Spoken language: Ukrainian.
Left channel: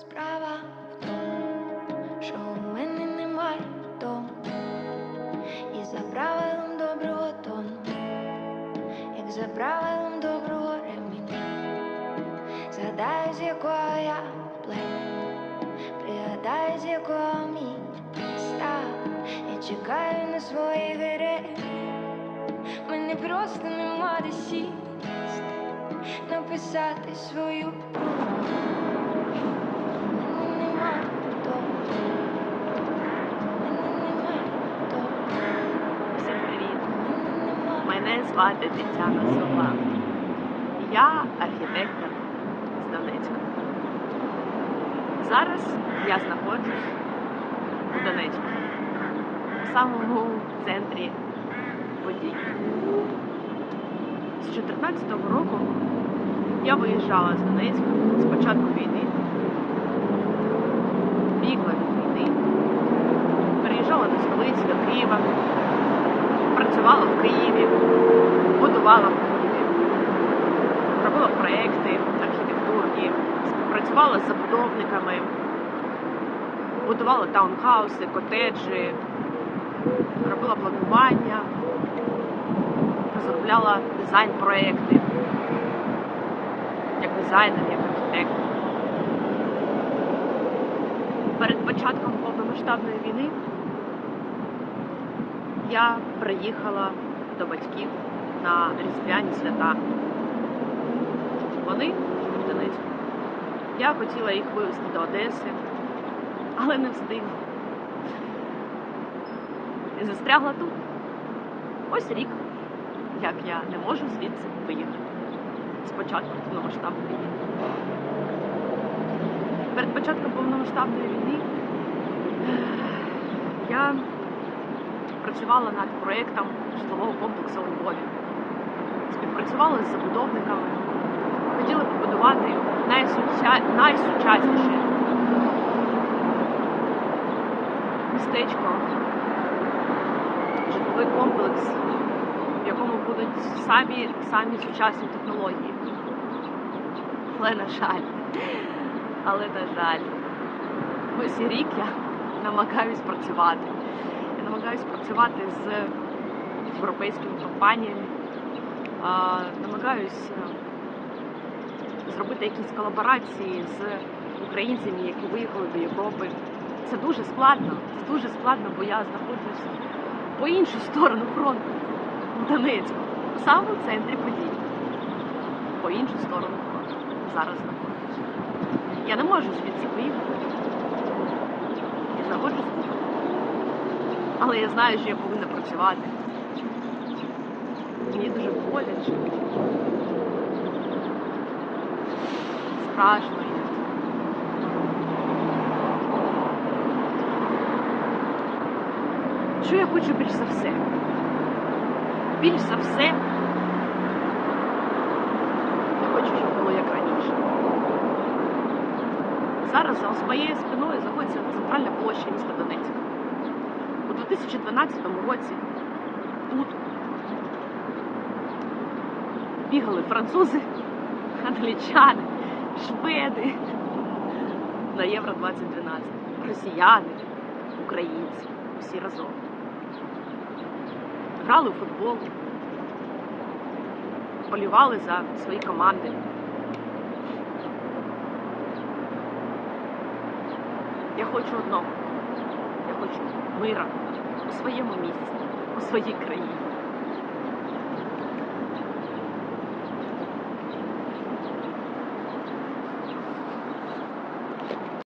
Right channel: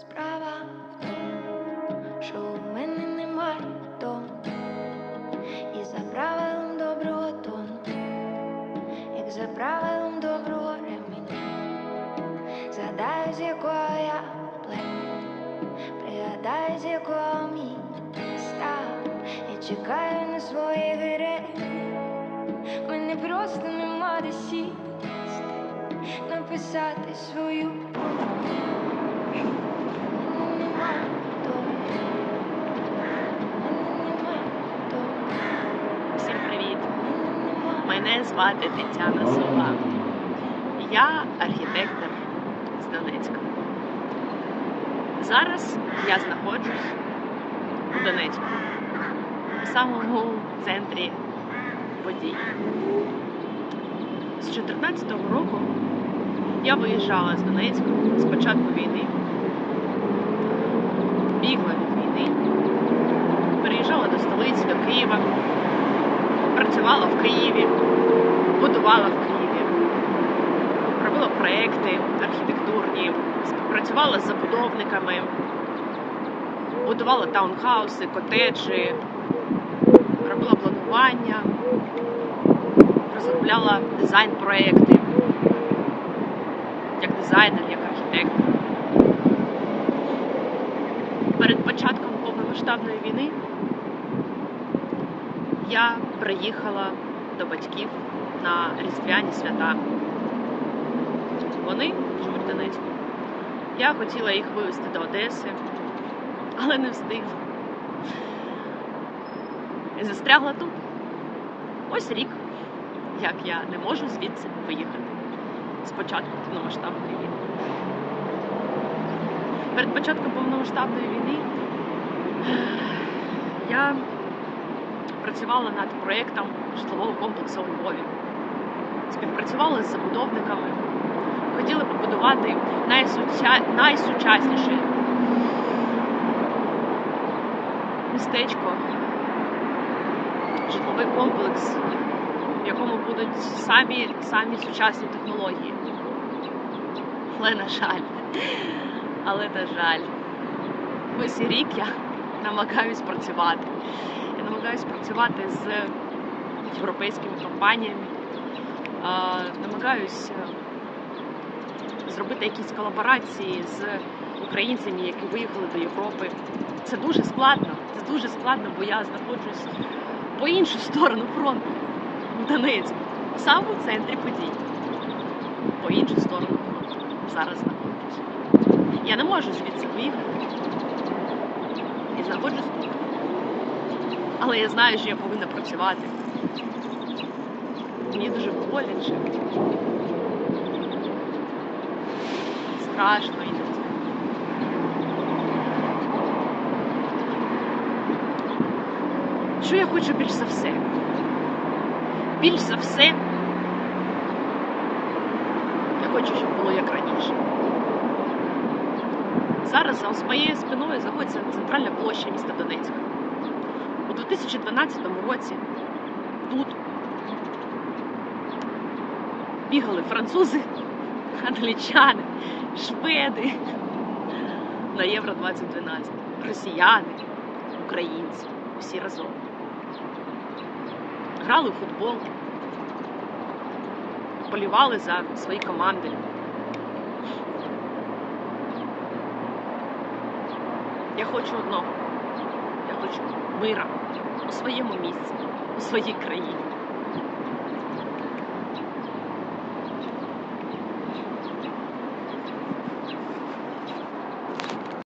Справа в тому, що у мене немає дому, і за правилом доброго тону, як за правилом доброго ременя, згадаю, з якого я племені, пригадаю, з якого міста, я чекаю на своїх героїв, мене просто нема де сісти, написати свою промову. Звати Тетяна Сова. Я архітектор з Донецька. Зараз я знаходжусь у Донецьку, в самому центрі подій. З 2014 року я виїжджала з Донецька з початку війни, бігла від війни, переїжджала до столиці, до Києва працювала в Києві, будувала в Києві, робила проекти архітектурні, співпрацювала з забудовниками, будувала таунхауси, котеджі, робила планування, розробляла дизайн-проекти як дизайнер, як архітектор. Перед початком повномасштабної війни я приїхала до батьків на різдвяні свята. Вони в Донецьку. Я хотіла їх вивезти до Одеси, але не встигла. Застрягла тут. Ось рік, як я не можу звідси виїхати. Спочатку повномасштабної війни. Перед початком повномасштабної війни я працювала над проєктом житлового комплексу у Львові. Співпрацювала з забудовниками. Хотіли побудувати найсуча... найсучасніше містечко, житловий комплекс, в якому будуть самі, самі сучасні технології. Але на жаль, але на жаль, ось рік я намагаюсь працювати. Я намагаюся працювати з європейськими компаніями, а, намагаюся зробити якісь колаборації з українцями, які виїхали до Європи. Це дуже складно. Це дуже складно, бо я знаходжусь по іншу сторону фронту в Донецьку, в самому центрі подій. По іншу сторону фронту. Зараз знаходжусь. Я не можу звідси виїхати. І знаходжусь тут. Але я знаю, що я повинна працювати. Мені дуже боляче. Страшно. Що я хочу більш за все? Більш за все я хочу, щоб було як раніше. Зараз за моєю спиною знаходиться центральна площа міста Донецька. У 2012 році тут бігали французи, англічани, шведи на Євро 2012, росіяни, українці, всі разом. Грали у футбол, полювали за свої команди. Я хочу одного. Я хочу мира у своєму місці, у своїй країні.